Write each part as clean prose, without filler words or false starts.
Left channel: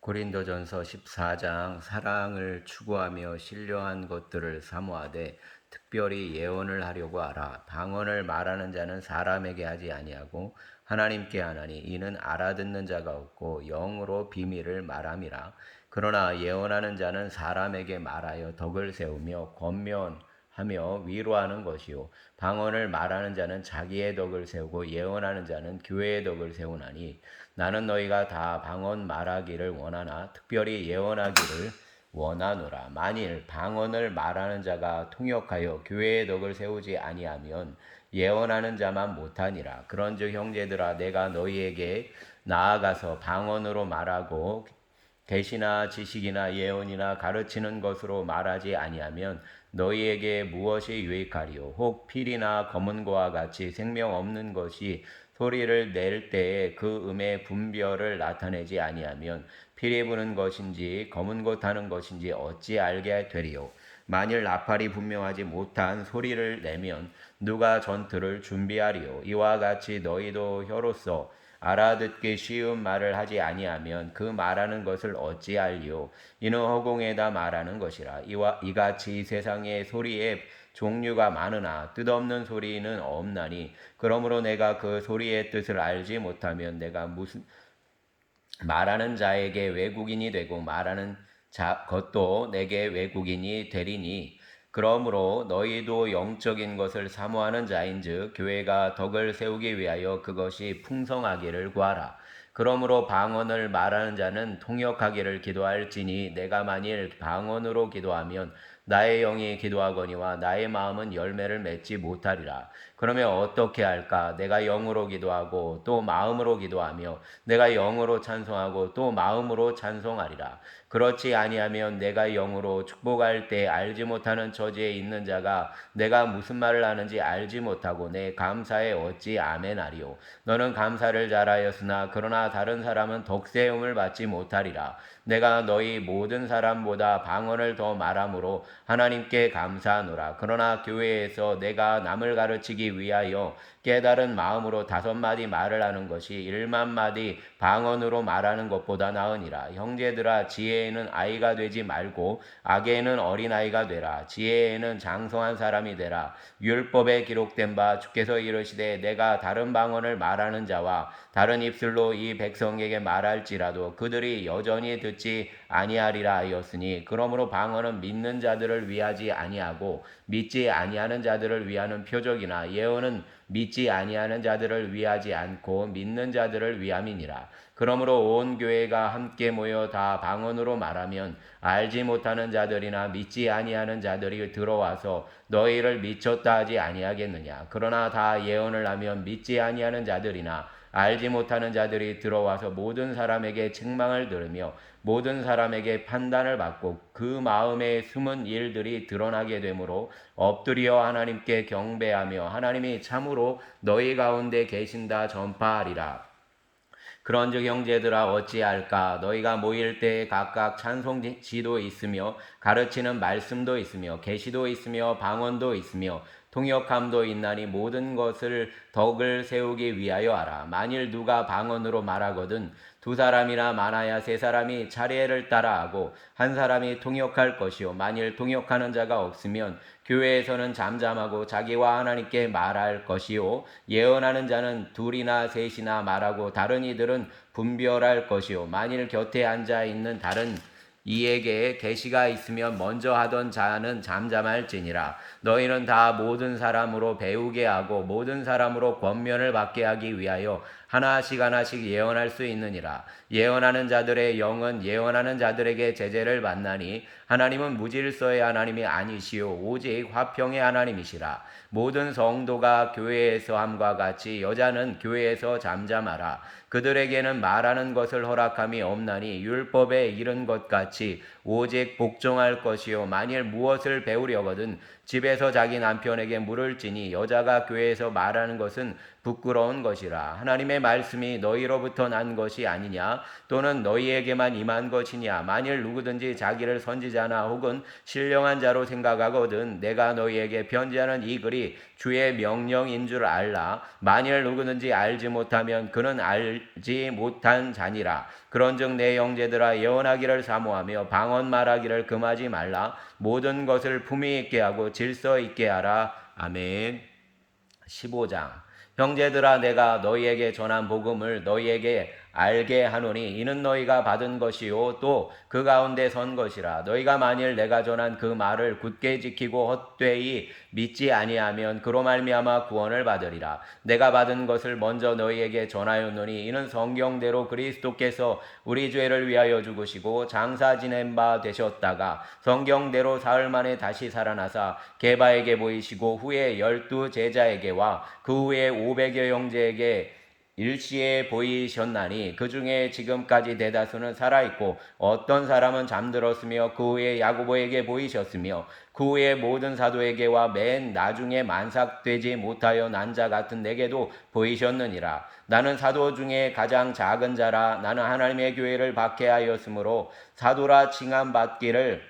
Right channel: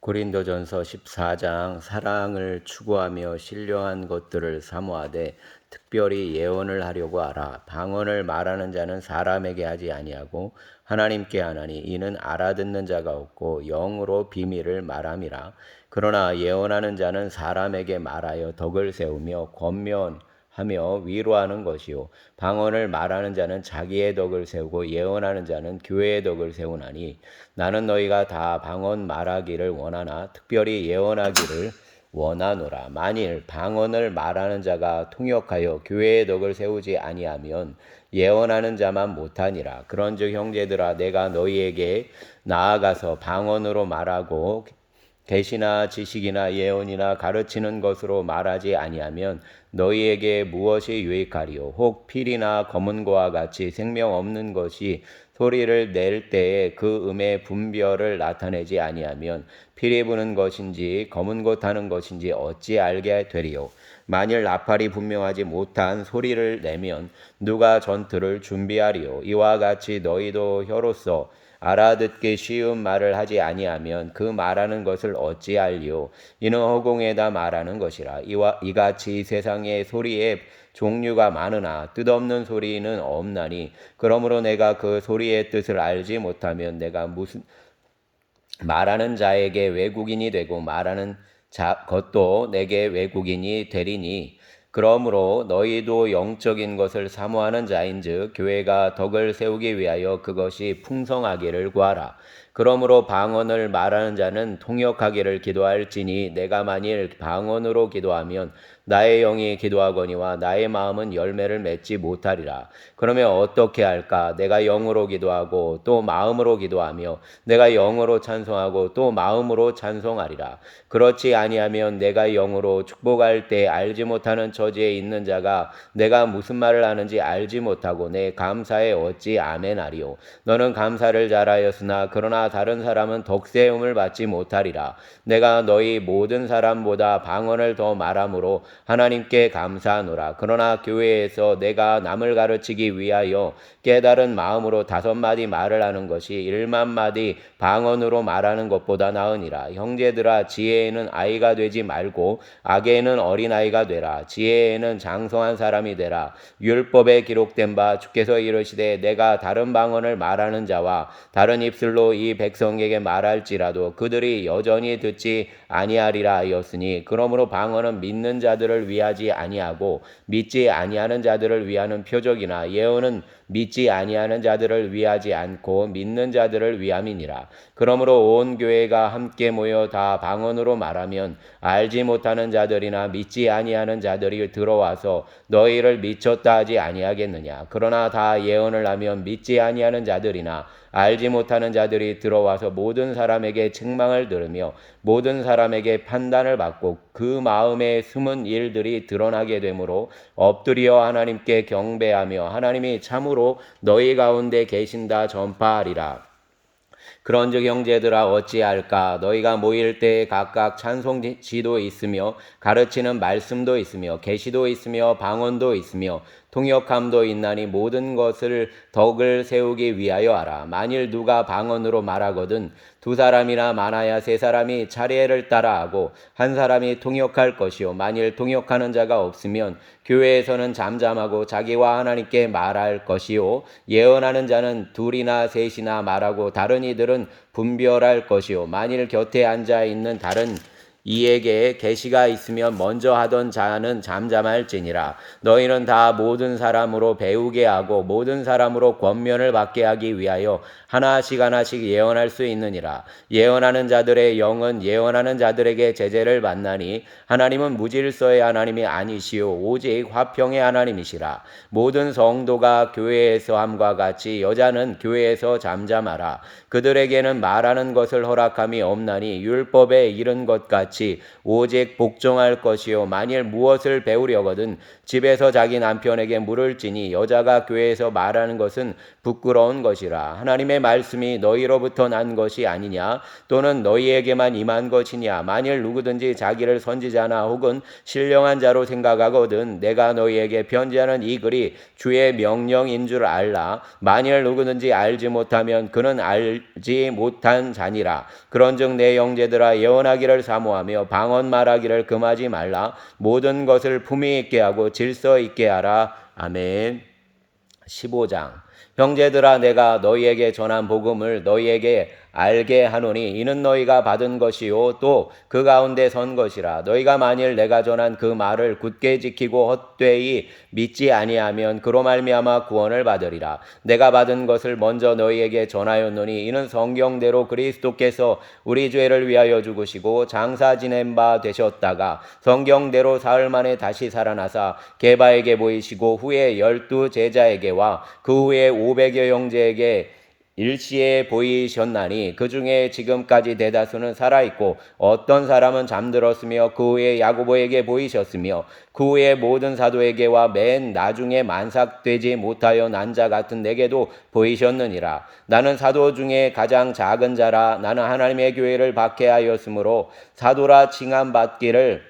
고린도전서 14장 사랑을 추구하며 신령한 것들을 사모하되 특별히 예언을 하려고 하라. 방언을 말하는 자는 사람에게 하지 아니하고 하나님께 하나니 이는 알아듣는 자가 없고 영으로 비밀을 말함이라. 그러나 예언하는 자는 사람에게 말하여 덕을 세우며 권면하며 위로하는 것이요 방언을 말하는 자는 자기의 덕을 세우고 예언하는 자는 교회의 덕을 세우나니 나는 너희가 다 방언 말하기를 원하나 특별히 예언하기를 원하노라. 만일 방언을 말하는 자가 통역하여 교회의 덕을 세우지 아니하면 예언하는 자만 못하니라. 그런즉 형제들아 내가 너희에게 나아가서 방언으로 말하고 계시나 지식이나 예언이나 가르치는 것으로 말하지 아니하면 너희에게 무엇이 유익하리요? 혹 필이나 검은고와 같이 생명 없는 것이 소리를 낼 때에 그 음의 분별을 나타내지 아니하면 피리 부는 것인지 검은고 타는 것인지 어찌 알게 되리요? 만일 나팔이 분명하지 못한 소리를 내면 누가 전투를 준비하리요? 이와 같이 너희도 혀로서 알아듣기 쉬운 말을 하지 아니하면 그 말하는 것을 어찌 알리요? 이는 허공에다 말하는 것이라. 이같이 세상의 소리에 종류가 많으나 뜻없는 소리는 없나니 그러므로 내가 그 소리의 뜻을 알지 못하면 내가 무슨 말하는 자에게 외국인이 되고 말하는 것도 내게 외국인이 되리니 그러므로 너희도 영적인 것을 사모하는 자인즉 교회가 덕을 세우기 위하여 그것이 풍성하기를 구하라. 그러므로 방언을 말하는 자는 통역하기를 기도할지니 내가 만일 방언으로 기도하면 나의 영이 기도하거니와 나의 마음은 열매를 맺지 못하리라. 그러면 어떻게 할까? 내가 영으로 기도하고 또 마음으로 기도하며 내가 영으로 찬송하고 또 마음으로 찬송하리라. 그렇지 아니하면 내가 영으로 축복할 때 알지 못하는 처지에 있는 자가 내가 무슨 말을 하는지 알지 못하고 내 감사에 어찌 아멘하리요. 너는 감사를 잘하였으나 그러나 다른 사람은 덕세움을 받지 못하리라. 내가 너희 모든 사람보다 방언을 더 말함으로 하나님께 감사하노라. 그러나 교회에서 내가 남을 가르치기 위하여 깨달은 마음으로 5마디 말을 하는 것이 1만 마디 방언으로 말하는 것보다 나으니라. 형제들아 지혜에는 아이가 되지 말고 악에는 어린아이가 되라. 지혜에는 장성한 사람이 되라. 율법에 기록된 바 주께서 이르시되 내가 다른 방언을 말하는 자와 다른 입술로 이 백성에게 말할지라도 그들이 여전히 듣지 아니하리라 하였으니 그러므로 방언은 믿는 자들을 위하지 아니하고 믿지 아니하는 자들을 위하는 표적이나 예언은 믿지 아니하는 자들을 위하지 않고 믿는 자들을 위함이니라. 그러므로 온 교회가 함께 모여 다 방언으로 말하면 알지 못하는 자들이나 믿지 아니하는 자들이 들어와서 너희를 미쳤다 하지 아니하겠느냐. 그러나 다 예언을 하면 믿지 아니하는 자들이나 알지 못하는 자들이 들어와서 모든 사람에게 책망을 들으며 모든 사람에게 판단을 받고 그 마음에 숨은 일들이 드러나게 되므로 엎드려 하나님께 경배하며 하나님이 참으로 너희 가운데 계신다 전파하리라. 그런즉 형제들아 어찌할까 너희가 모일 때에 각각 찬송지도 있으며 가르치는 말씀도 있으며 계시도 있으며 방언도 있으며 통역함도 있나니 모든 것을 덕을 세우기 위하여 하라. 만일 누가 방언으로 말하거든 2사람이나 많아야 3사람이 차례를 따라 하고 한 사람이 통역할 것이요 만일 통역하는 자가 없으면 교회에서는 잠잠하고 자기와 하나님께 말할 것이요 예언하는 자는 2이나 3이나 말하고 다른 이들은 분별할 것이요 만일 곁에 앉아 있는 다른 이에게 계시가 있으면 먼저 하던 자는 잠잠할지니라. 너희는 다 모든 사람으로 배우게 하고 모든 사람으로 권면을 받게 하기 위하여 하나씩 하나씩 예언할 수 있느니라. 예언하는 자들의 영은 예언하는 자들에게 제재를 받나니 하나님은 무질서의 하나님이 아니시오 오직 화평의 하나님이시라. 모든 성도가 교회에서 함과 같이 여자는 교회에서 잠잠하라. 그들에게는 말하는 것을 허락함이 없나니 율법에 이른 것 같이 오직 복종할 것이요 만일 무엇을 배우려거든 집에서 자기 남편에게 물을지니 여자가 교회에서 말하는 것은 부끄러운 것이라. 하나님의 말씀이 너희로부터 난 것이 아니냐 또는 너희에게만 임한 것이냐. 만일 누구든지 자기를 선지자나 혹은 신령한 자로 생각하거든 내가 너희에게 편지하는 이 글이 주의 명령인 줄 알라. 만일 누구든지 알지 못하면 그는 알지 못한 자니라. 그런즉 내 형제들아 예언하기를 사모하며 방언 말하기를 금하지 말라. 모든 것을 품위 있게 하고 질서 있게 하라. 아멘. 15장. 형제들아 내가 너희에게 전한 복음을 너희에게 알게 하노니 이는 너희가 받은 것이요 또 그 가운데 선 것이라. 너희가 만일 내가 전한 그 말을 굳게 지키고 헛되이 믿지 아니하면 그로 말미암아 구원을 받으리라. 내가 받은 것을 먼저 너희에게 전하였노니 이는 성경대로 그리스도께서 우리 죄를 위하여 죽으시고 장사 지낸 바 되셨다가 성경대로 사흘 만에 다시 살아나사 게바에게 보이시고 후에 12 제자에게와 그 후에 500여 형제에게 일시에 보이셨나니 그 중에 지금까지 대다수는 살아있고 어떤 사람은 잠들었으며 그 후에 야고보에게 보이셨으며 그 후에 모든 사도에게와 맨 나중에 만삭되지 못하여 난 자 같은 내게도 보이셨느니라. 나는 사도 중에 가장 작은 자라. 나는 하나님의 교회를 박해하였으므로 사도라 칭함받기를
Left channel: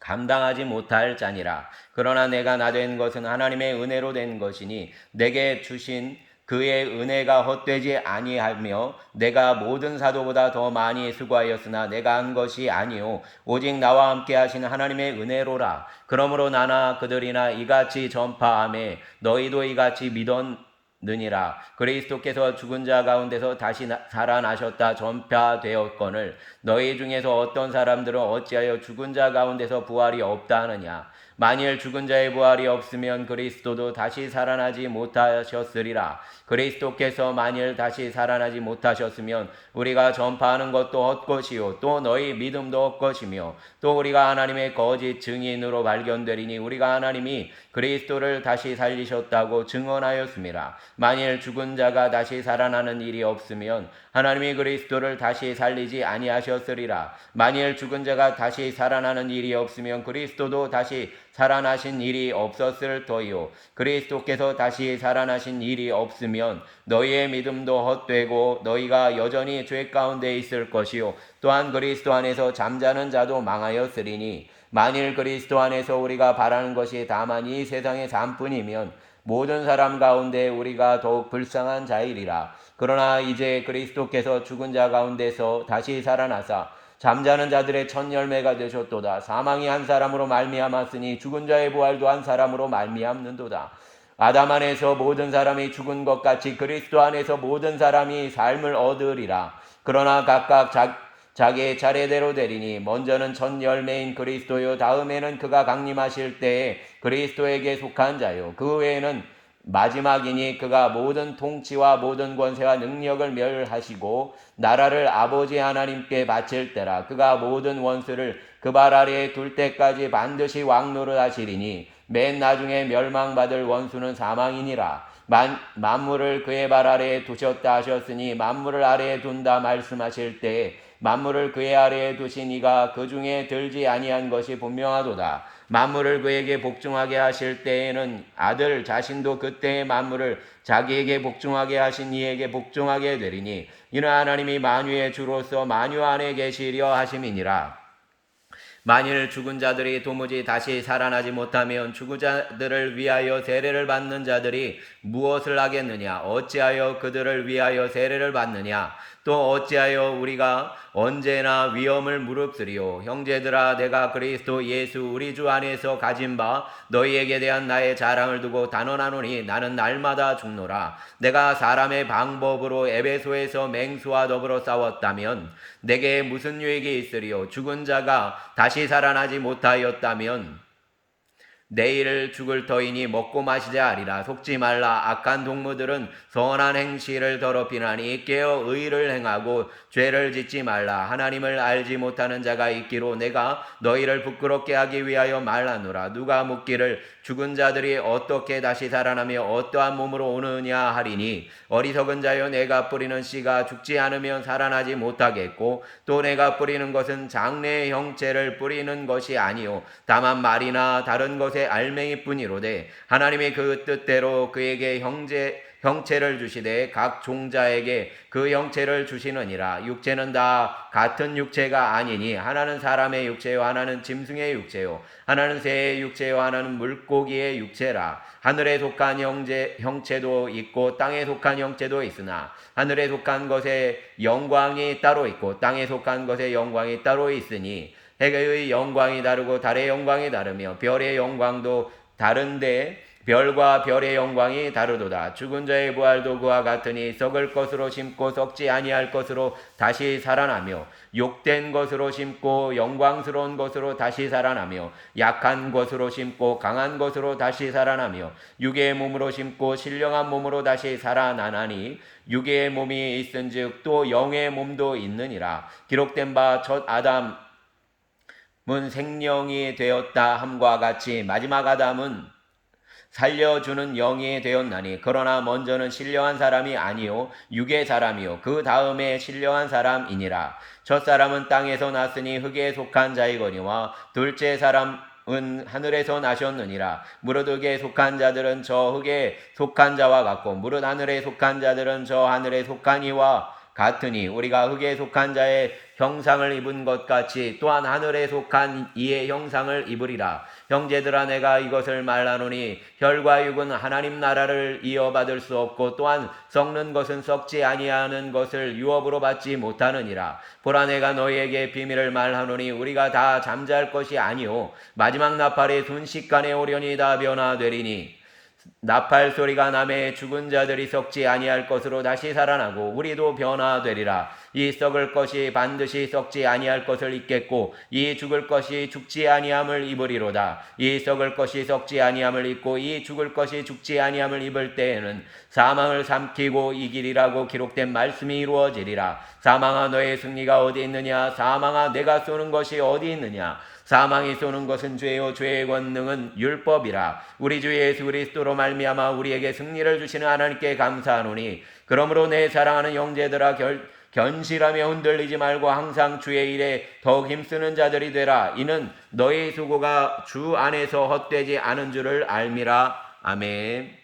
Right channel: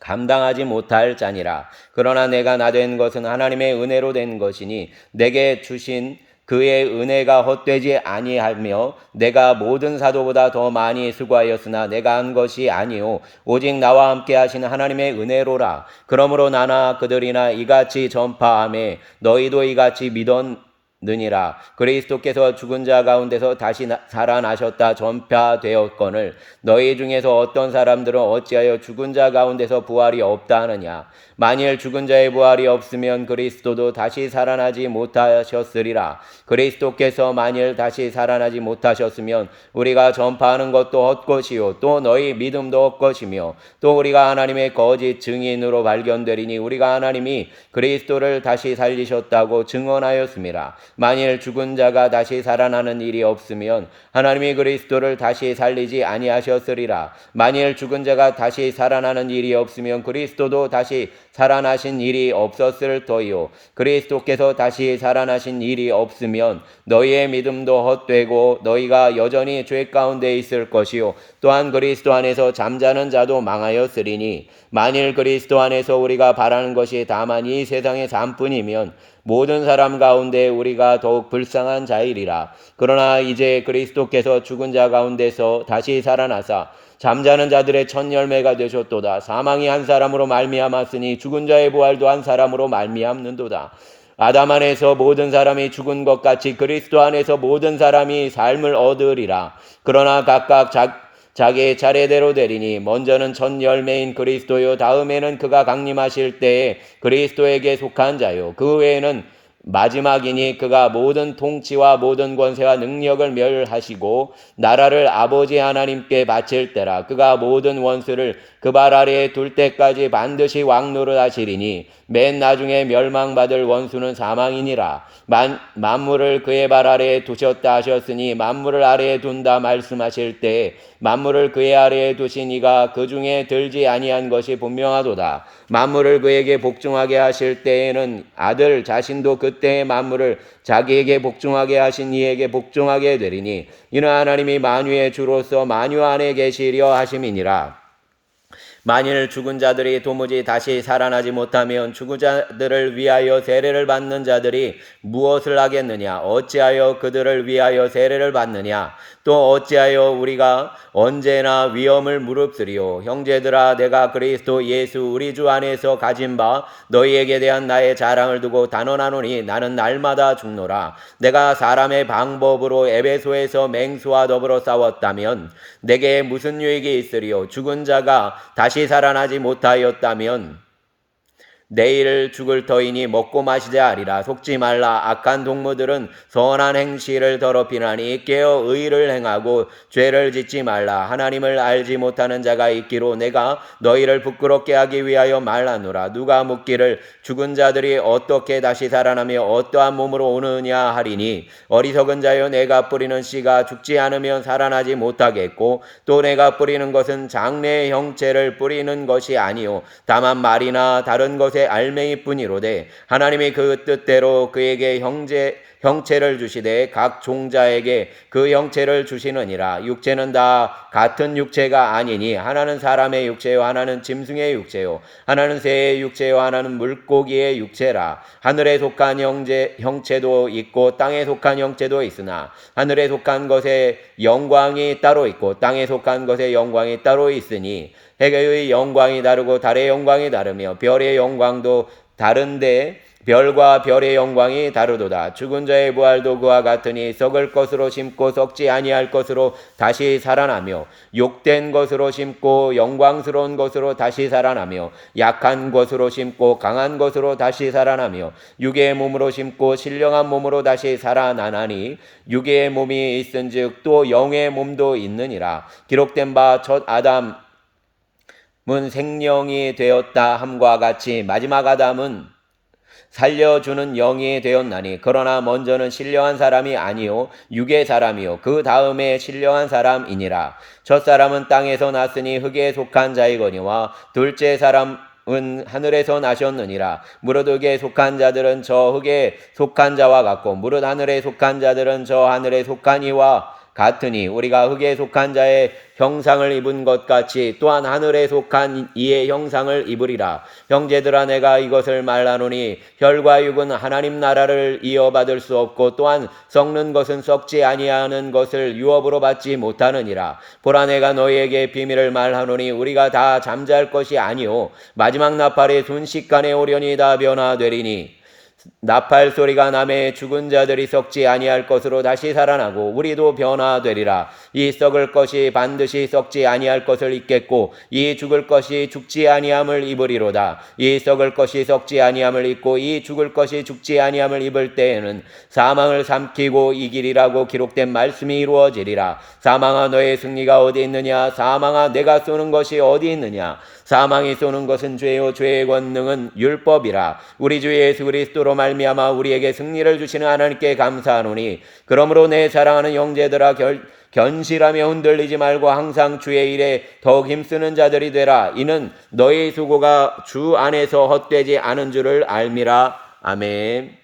감당하지 못할 자니라. 그러나 내가 나된 것은 하나님의 은혜로 된 것이니 내게 주신 그의 은혜가 헛되지 아니하며 내가 모든 사도보다 더 많이 수고하였으나 내가 한 것이 아니요 오직 나와 함께 하신 하나님의 은혜로라. 그러므로 나나 그들이나 이같이 전파하매 너희도 이같이 믿었느니라. 그리스도께서 죽은 자 가운데서 다시 살아나셨다 전파되었거늘 너희 중에서 어떤 사람들은 어찌하여 죽은 자 가운데서 부활이 없다 하느냐. 만일 죽은 자의 부활이 없으면 그리스도도 다시 살아나지 못하셨으리라. 그리스도께서 만일 다시 살아나지 못하셨으면 우리가 전파하는 것도 헛것이요 또 너희 믿음도 헛것이며 또 우리가 하나님의 거짓 증인으로 발견되리니 우리가 하나님이 그리스도를 다시 살리셨다고 증언하였습니다. 만일 죽은 자가 다시 살아나는 일이 없으면 하나님이 그리스도를 다시 살리지 아니하셨으리라. 만일 죽은 자가 다시 살아나는 일이 없으면 그리스도도 다시 살아나신 일이 없었을 터이요 그리스도께서 다시 살아나신 일이 없으면 너희의 믿음도 헛되고 너희가 여전히 죄 가운데 있을 것이요 또한 그리스도 안에서 잠자는 자도 망하였으리니 만일 그리스도 안에서 우리가 바라는 것이 다만 이 세상의 삶뿐이면 모든 사람 가운데 우리가 더욱 불쌍한 자이리라. 그러나 이제 그리스도께서 죽은 자 가운데서 다시 살아나사 잠자는 자들의 첫 열매가 되셨도다. 사망이 한 사람으로 말미암았으니 죽은 자의 부활도 한 사람으로 말미암는도다. 아담 안에서 모든 사람이 죽은 것 같이 그리스도 안에서 모든 사람이 삶을 얻으리라. 그러나 각각 자기의 차례대로 되리니 먼저는 첫 열매인 그리스도요 다음에는 그가 강림하실 때에 그리스도에게 속한 자요 그 외에는 마지막이니 그가 모든 통치와 모든 권세와 능력을 멸하시고 나라를 아버지 하나님께 바칠 때라. 그가 모든 원수를 그 발 아래에 둘 때까지 반드시 왕노릇 하시리니 맨 나중에 멸망받을 원수는 사망이니라. 만물을 그의 발 아래에 두셨다 하셨으니 만물을 아래에 둔다 말씀하실 때 만물을 그의 아래에 두신 이가 그 중에 들지 아니한 것이 분명하도다. 만물을 그에게 복종하게 하실 때에는 아들 자신도 그때의 만물을 자기에게 복종하게 하신 이에게 복종하게 되리니 이는 하나님이 만유의 주로서 만유 안에 계시려 하심이니라. 만일 죽은 자들이 도무지 다시 살아나지 못하면 죽은 자들을 위하여 세례를 받는 자들이 무엇을 하겠느냐? 어찌하여 그들을 위하여 세례를 받느냐? 또 어찌하여 우리가 언제나 위험을 무릅쓰리요? 형제들아 내가 그리스도 예수 우리 주 안에서 가진 바 너희에게 대한 나의 자랑을 두고 단언하노니 나는 날마다 죽노라. 내가 사람의 방법으로 에베소에서 맹수와 더불어 싸웠다면 내게 무슨 유익이 있으리요? 죽은 자가 다시 살아나지 못하였다면 내일 죽을 터이니 먹고 마시자 하리라. 속지 말라. 악한 동무들은 선한 행실을 더럽히나니 깨어 의를 행하고 죄를 짓지 말라. 하나님을 알지 못하는 자가 있기로 내가 너희를 부끄럽게 하기 위하여 말하노라. 누가 묻기를 죽은 자들이 어떻게 다시 살아나며 어떠한 몸으로 오느냐 하리니 어리석은 자여 내가 뿌리는 씨가 죽지 않으면 살아나지 못하겠고 또 내가 뿌리는 것은 장래의 형체를 뿌리는 것이 아니요 다만 말이나 다른 것의 알맹이뿐이로되 하나님이 그 뜻대로 그에게 형체를 주시되 각 종자에게 그 형체를 주시느니라. 육체는 다 같은 육체가 아니니 하나는 사람의 육체요 하나는 짐승의 육체요 하나는 새의 육체요 하나는 물고기의 육체라. 하늘에 속한 형체도 있고 땅에 속한 형체도 있으나 하늘에 속한 것의 영광이 따로 있고 땅에 속한 것의 영광이 따로 있으니 해의 영광이 다르고 달의 영광이 다르며 별의 영광도 다른데 별과 별의 영광이 다르도다. 죽은 자의 부활도 그와 같으니 썩을 것으로 심고 썩지 아니할 것으로 다시 살아나며 욕된 것으로 심고 영광스러운 것으로 다시 살아나며 약한 것으로 심고 강한 것으로 다시 살아나며 육의 몸으로 심고 신령한 몸으로 다시 살아나나니 육의 몸이 있은즉 또 영의 몸도 있느니라. 기록된 바 첫 아담은 생령이 되었다 함과 같이 마지막 아담은 살려주는 영이 되었나니 그러나 먼저는 신령한 사람이 아니요 육의 사람이요 그 다음에 신령한 사람이니라. 첫사람은 땅에서 났으니 흙에 속한 자이거니와 둘째 사람은 하늘에서 나셨느니라. 무릇 흙에 속한 자들은 저 흙에 속한 자와 같고 무릇 하늘에 속한 자들은 저 하늘에 속한 이와 같으니 우리가 흙에 속한 자의 형상을 입은 것 같이 또한 하늘에 속한 이의 형상을 입으리라. 형제들아 내가 이것을 말하노니 혈과 육은 하나님 나라를 이어받을 수 없고 또한 썩는 것은 썩지 아니하는 것을 유업으로 받지 못하느니라. 보라 내가 너희에게 비밀을 말하노니 우리가 다 잠잘 것이 아니오 마지막 나팔이 순식간에 오려니 다 변화되리니 나팔 소리가 나매 죽은 자들이 썩지 아니할 것으로 다시 살아나고 우리도 변화되리라. 이 썩을 것이 반드시 썩지 아니할 것을 입겠고 이 죽을 것이 죽지 아니함을 입으리로다. 이 썩을 것이 썩지 아니함을 입고 이 죽을 것이 죽지 아니함을 입을 때에는 사망을 삼키고 이기리라고 기록된 말씀이 이루어지리라. 사망아 너의 승리가 어디 있느냐? 사망아 내가 쏘는 것이 어디 있느냐? 사망이 쏘는 것은 죄요 죄의 권능은 율법이라. 우리 주 예수 그리스도로 말미암아 우리에게 승리를 주시는 하나님께 감사하노니 그러므로 내 사랑하는 형제들아 견실하며 흔들리지 말고 항상 주의 일에 더욱 힘쓰는 자들이 되라. 이는 너희 수고가 주 안에서 헛되지 않은 줄을 알미라. 아멘.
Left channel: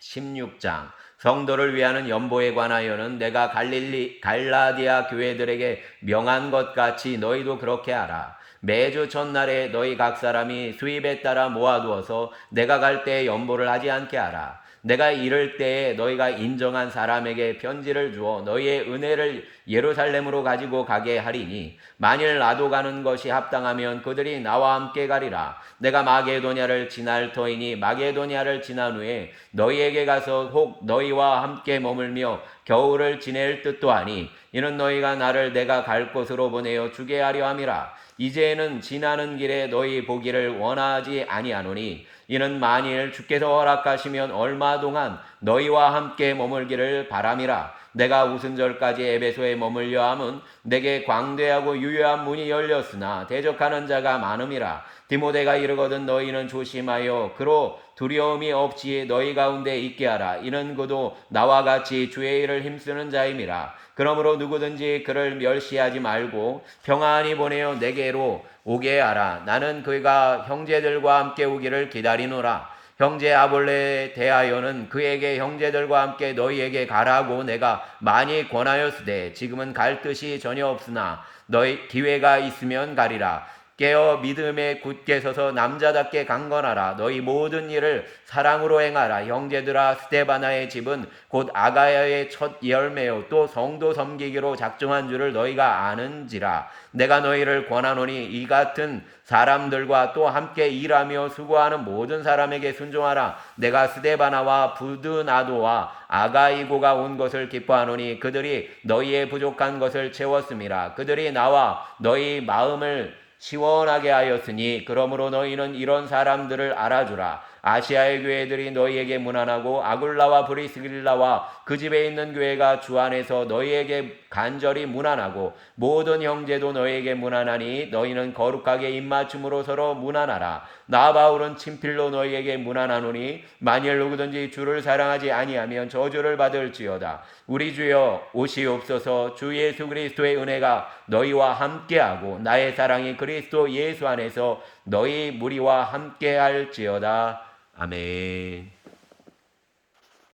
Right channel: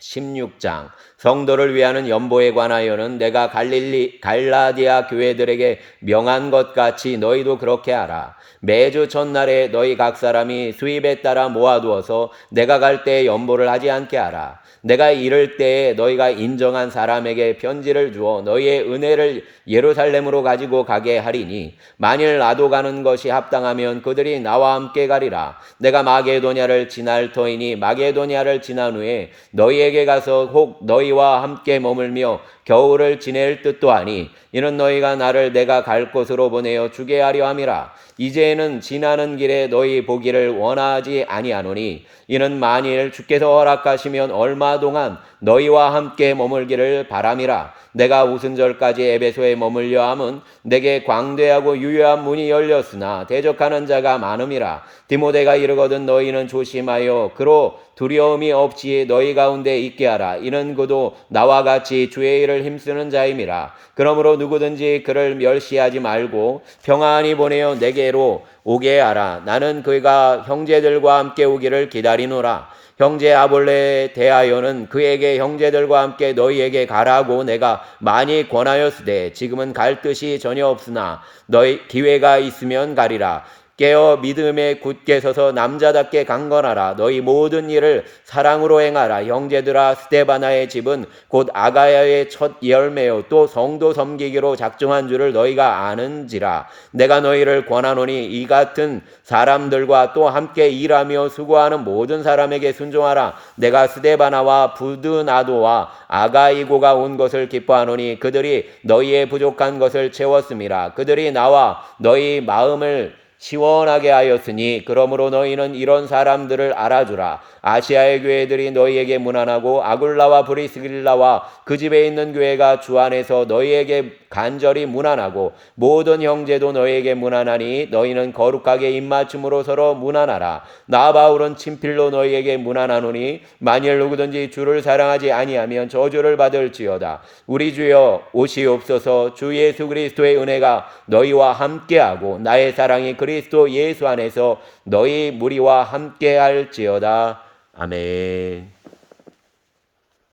16장 성도를 위하는 연보에 관하여는 내가 갈라디아 교회들에게 명한 것 같이 너희도 그렇게 하라. 매주 첫날에 너희 각 사람이 수입에 따라 모아두어서 내가 갈 때에 연보를 하지 않게 하라. 내가 이를 때에 너희가 인정한 사람에게 편지를 주어 너희의 은혜를 예루살렘으로 가지고 가게 하리니 만일 나도 가는 것이 합당하면 그들이 나와 함께 가리라. 내가 마게도냐를 지날 터이니 마게도냐를 지난 후에 너희에게 가서 혹 너희와 함께 머물며 겨울을 지낼 뜻도 하니 이는 너희가 나를 내가 갈 곳으로 보내어 주게 하려 함이라. 이제는 지나는 길에 너희 보기를 원하지 아니하노니 이는 만일 주께서 허락하시면 얼마 동안 너희와 함께 머물기를 바람이라. 내가 우순절까지 에베소에 머물려 함은 내게 광대하고 유효한 문이 열렸으나 대적하는 자가 많음이라. 디모데가 이르거든 너희는 조심하여 그로 두려움이 없이 너희 가운데 있게 하라. 이는 그도 나와 같이 주의 일을 힘쓰는 자임이라. 그러므로 누구든지 그를 멸시하지 말고 평안히 보내어 내게로 오게 하라. 나는 그가 형제들과 함께 오기를 기다리노라. 형제 아볼레에 대하여는 그에게 형제들과 함께 너희에게 가라고 내가 많이 권하였으되 지금은 갈 뜻이 전혀 없으나 너희 기회가 있으면 가리라. 깨어 믿음에 굳게 서서 남자답게 강건하라. 너희 모든 일을 사랑으로 행하라. 형제들아 스데바나의 집은 곧 아가야의 첫 열매요 또 성도 섬기기로 작정한 줄을 너희가 아는지라. 내가 너희를 권하노니 이 같은 사람들과 또 함께 일하며 수고하는 모든 사람에게 순종하라. 내가 스데바나와 부드나도와 아가이고가 온 것을 기뻐하노니 그들이 너희의 부족한 것을 채웠음이라. 그들이 나와 너희 마음을 시원하게 하였으니 그러므로 너희는 이런 사람들을 알아주라. 아시아의 교회들이 너희에게 문안하고 아굴라와 브리스길라와 그 집에 있는 교회가 주 안에서 너희에게 간절히 문안하고 모든 형제도 너희에게 문안하니 너희는 거룩하게 입맞춤으로 서로 문안하라. 나 바울은 친필로 너희에게 문안하노니 만일 누구든지 주를 사랑하지 아니하면 저주를 받을지어다. 우리 주여 오시옵소서. 주 예수 그리스도의 은혜가 너희와 함께하고 나의 사랑이 그리스도 예수 안에서 너희 무리와 함께할지어다. 아멘.